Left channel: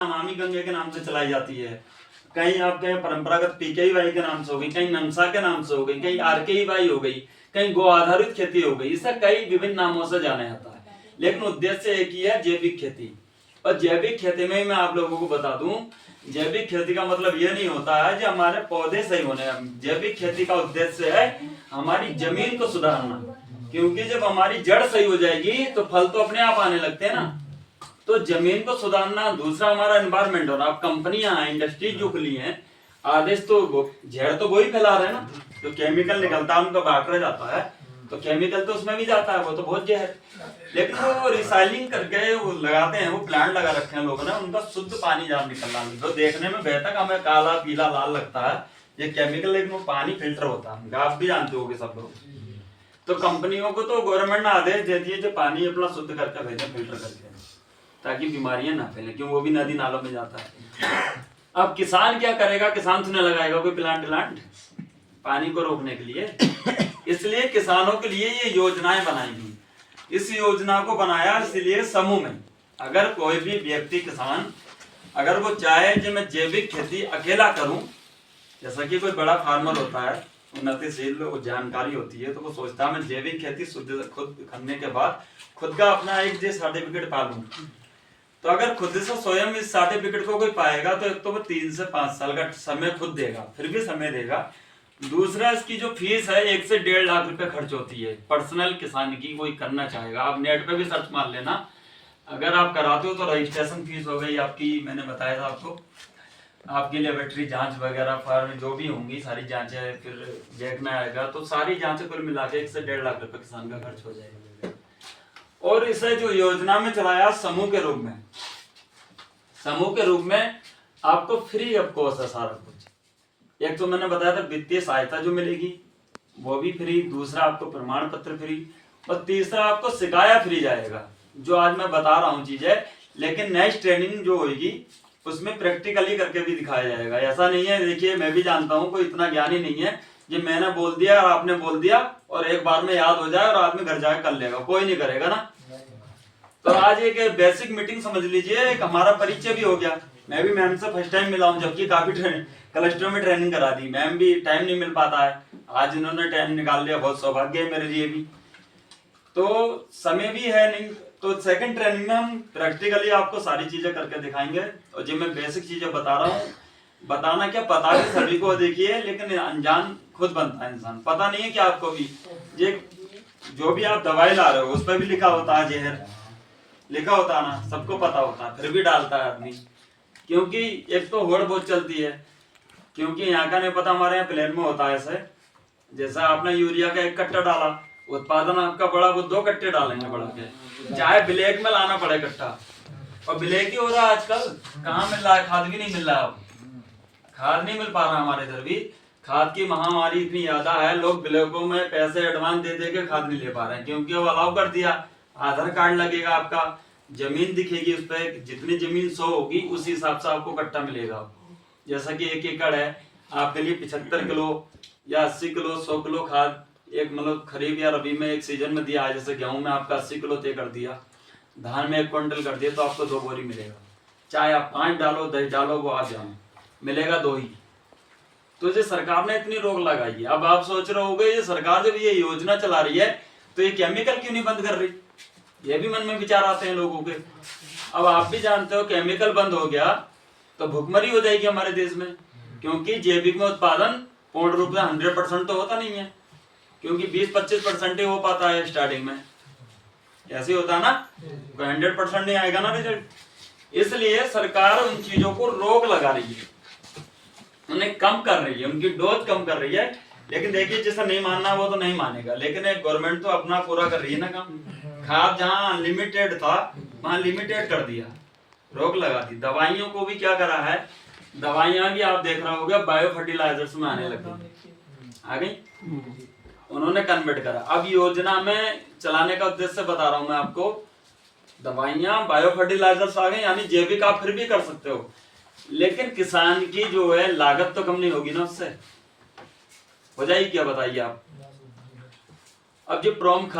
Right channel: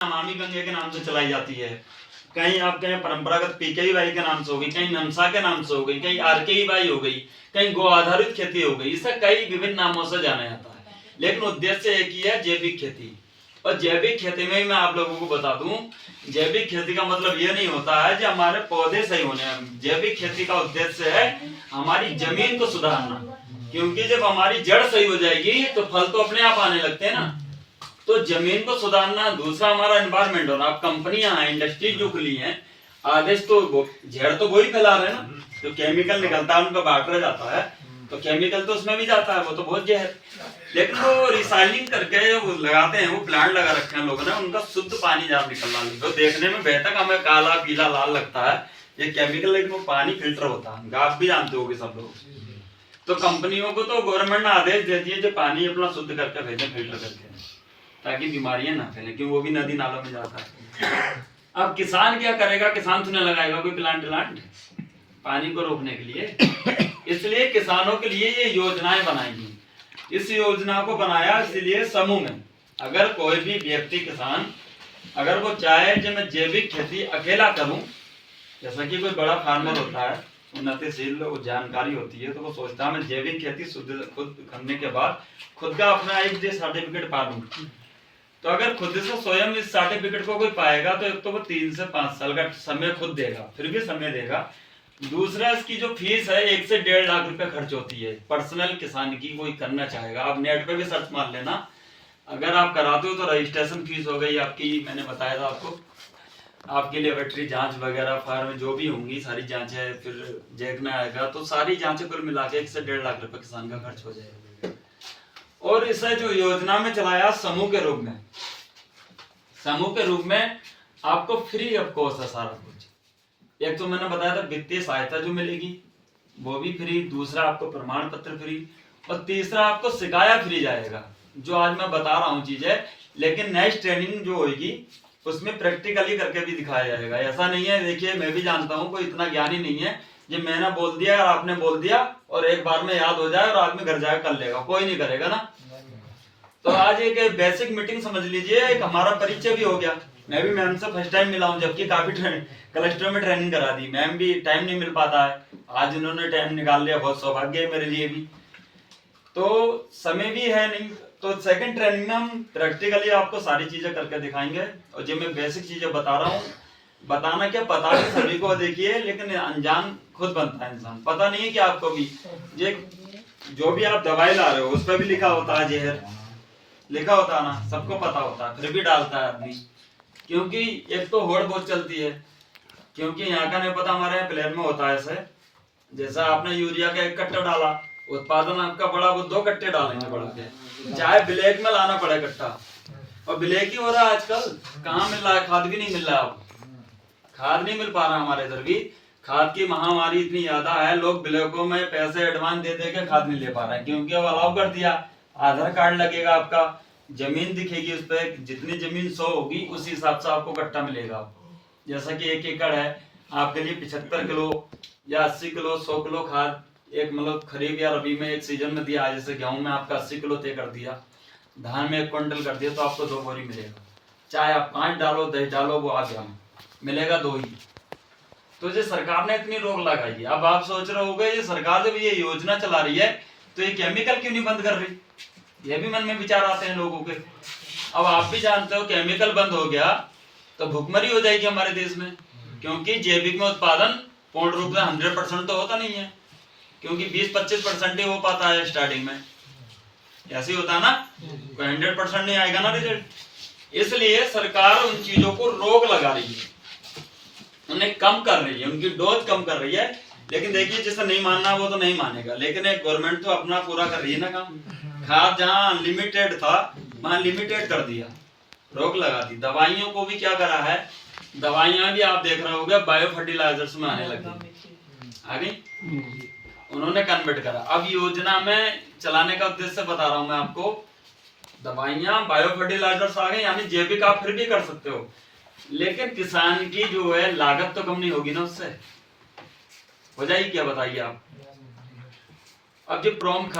नमामि गंगे के नाम से चलाई जाती है, कहीं आप कहें परंपरागत पीकेवीवाई के नाम से हो गई, कहीं नमसा के नाम से हो गई, कहीं आरकेवीवाई हो गई, कहीं गो आधारित खेती हो गई। इसे कई विभिन्न नामों से जाना जाता है, लेकिन उद्देश्य एक ही है, जैविक खेती। और जैविक खेती में मैं आप लोगों को बता दूं, जैविक खेती का मतलब ये नहीं होता है जो हमारे पौधे सही होने। जैविक खेती का उद्देश्य है हमारी जमीन को सुधारना, क्योंकि जब हमारी जड़ सही हो जाएगी तो फल तो अपने आप आने लगते हैं ना। तो जमीन को सुधारना, दूसरा हमारा एनवायरमेंट होना। अब कंपनियां हैं, इंडस्ट्री जो खुली हैं, आदेश तो जहर तो वही फैला रहे हैं ना, जो केमिकल निकलता है उनका बांटा जाता है, तो केमिकल तो उसमें भी जाता है, वो तो बहुत जहर। लेकिन वो रिसाइलिंग करके वो लगाते हैं, वो प्लांट लगा रखे हैं लोगों ने, उनका शुद्ध पानी जहाँ निकल रहा है, तो देखने में बेहतर हमें काला पीला लाल लगता है ये केमिकल, लेकिन वो पानी फिल्टर होता है। आप भी जानते होगे सब लोग। तो कंपनियों को तो गवर्नमेंट ने आदेश दे दिए जो पानी अपना शुद्ध करके भेजें, फिल्टर करके, ताकि बीमारियां ना फैले, क्यों वो भी नदी नालों में जाता है। अब किसान क्या करेगा? किसान तो नहीं लगाएगा कोई प्लांट पानी को रोकने के लिए। इसलिए किसानों के लिए ये योजनाएं बनाई गई। इस योजना को बनाया इसलिए समूह में, अगर कोई भी व्यक्ति किसान अगर वो चाहे कि मैं जैविक खेती अकेला करूं, जैसा कि कोई बड़ा फार्मर होता है, उन्नतिशील जानकारी होती है, तो वो सोचता है मैं जैविक खेती शुद्ध खुद करने के बाद खुद का अपना एक जो सर्टिफिकेट पालूं। तो अगर खुद से स्वयं इस सर्टिफिकेट को कोई पाएगा तो एक तो वो 3 से 5 साल का समय खुद देगा, फिर भी समय देगा। दूसरा, इसकी जो फीस है 1 से 1.5 लाख रुपए खर्च होती है। पर्सनल किसान की कोई करना चाहेगा, आप नेट पे भी सर्च मार लेना, अगर आप कराते हो तो रजिस्ट्रेशन फीस हो गई आपकी, मैंने बताया था आपको, आपके लेबोरेटरी जांच वगैरह फार्म जो भी होंगी सारी जांचें, फिर जैक में आएगा, तो सारी जांचें कुल मिला के 1 से 1.5 लाख रुपए किसान का खर्च हो जाएगा। और इसे जो योजना में चलाया समूह के रूप में, समूह के रूप में आपको फ्री ऑफ कॉस्ट है सारा कुछ। एक तो मैंने बताया था वित्तीय सहायता जो मिलेगी वो भी फ्री, दूसरा आपको प्रमाण पत्र फ्री, और तीसरा आपको सिखाया फ्री जाएगा, जो आज मैं बता रहा हूँ चीजें। लेकिन नेक्स्ट ट्रेनिंग जो होगी उसमें प्रैक्टिकली करके भी दिखाया जाएगा। ऐसा नहीं है, देखिए मैं भी जानता हूँ कोई इतना ज्ञानी नहीं है जो मैंने बोल दिया और आपने बोल दिया और एक बार में याद हो जाए और आदमी घर जाकर कर लेगा, कोई नहीं करेगा ना। तो आज एक बेसिक मीटिंग समझ लीजिए, एक हमारा परिचय भी हो गया। मैं भी मैम से फर्स्ट टाइम मिला हूँ, जबकि काफी क्लस्टर में ट्रेनिंग करा दी, मैम भी टाइम नहीं मिल पाता है, आज उन्होंने टाइम निकाल लिया, बहुत सौभाग्य है मेरे लिए भी। तो समय भी है नहीं, तो सेकंड ट्रेनिंग में हम प्रैक्टिकली आपको सारी चीजें करके दिखाएंगे। और जो मैं बेसिक चीजें बता रहा हूँ, बताना क्या, पता है सभी को, देखिए, लेकिन अनजान खुद बनता है इंसान। पता नहीं है कि आपको भी ये जो भी आप दवाई ला रहे हो उस पर भी लिखा होता है जहर, लिखा होता है ना, सबको पता होता है, फिर भी डालता है आदमी, क्योंकि एक तो होड़ बहुत चलती है, क्योंकि यहाँ का नहीं पता, हमारे यहाँ प्लेन में होता है ऐसे, जैसा आपने यूरिया का 1 कट्टा डाला, उत्पादन आपका बड़ा, वो 2 कट्टे डालेंगे बढ़ा के, चाहे ब्लैक में लाना पड़े कट्टा, और ब्लैक ही हो रहा है आजकल, कहाँ मिल रहा है, खाद भी नहीं मिल रहा है, खाद नहीं मिल पा रहा हमारे इधर भी, खाद की महामारी इतनी ज्यादा है, लोग ब्लैकों में पैसे एडवांस दे दे के खाद नहीं ले पा रहे हैं, क्योंकि अब अलाउ कर दिया, आधार कार्ड लगेगा आपका, जमीन दिखेगी उस पर, जितनी जमीन 100 होगी उस हिसाब से आपको कट्टा मिलेगा। जैसा कि 1 एकड़ है, आपके लिए 75 किलो या 80 किलो 100 किलो खाद एक मतलब खरीफ या रबी में एक सीजन में दिया है। जैसे गेहूं में आपका 80 किलो तय कर दिया, धान में 1 क्विंटल कर दिया, तो आपको 2 बोरी मिलेगा, चाहे आप 5 डालो 10 डालो, वो आप जानो, मिलेगा 2 ही। तो ये सरकार ने इतनी रोक लगाई है। अब आप सोच रहे होगे ये सरकार जब ये योजना चला रही है तो ये केमिकल क्यों नहीं बंद कर रही, ये भी मन में विचार आते हैं लोगों के। अब आप भी जानते हो केमिकल बंद हो गया तो भुखमरी हो जाएगी हमारे देश में, क्योंकि जैविक में उत्पादन पूर्ण रूप से 100% तो होता नहीं है, क्योंकि 20-25% ही हो पाता है स्टार्टिंग में, ऐसे होता है ना, कोई 100% नहीं आएगा ना रिजल्ट। इसलिए सरकार उन चीजों को रोक लगा रही है, उन्हें कम कर रही है, उनकी डोज कम कर रही है। लेकिन देखिए जिसे नहीं मानना वो तो नहीं मानेगा, लेकिन एक गवर्नमेंट तो अपना पूरा कर रही है ना काम। खाद जहाँ अनलिमिटेड था वहां लिमिटेड कर दिया, रोक लगा दी। दवाइयों को भी क्या करा है, दवाइयां भी आप देख रहे होगे बायो फर्टिलाइजर्स में आने लगी, आ गई, उन्होंने कन्वर्ट करा। अब योजना में चलाने का उद्देश्य बता रहा हूं मैं आपको, दवाइयां बायो फर्टिलाइजर्स आ गए, यानी जैविक आप फिर भी कर सकते हो, लेकिन किसान की जो है लागत तो कम नहीं होगी ना, उससे हो जाएगी क्या, बताइए आप। अब जो प्रोम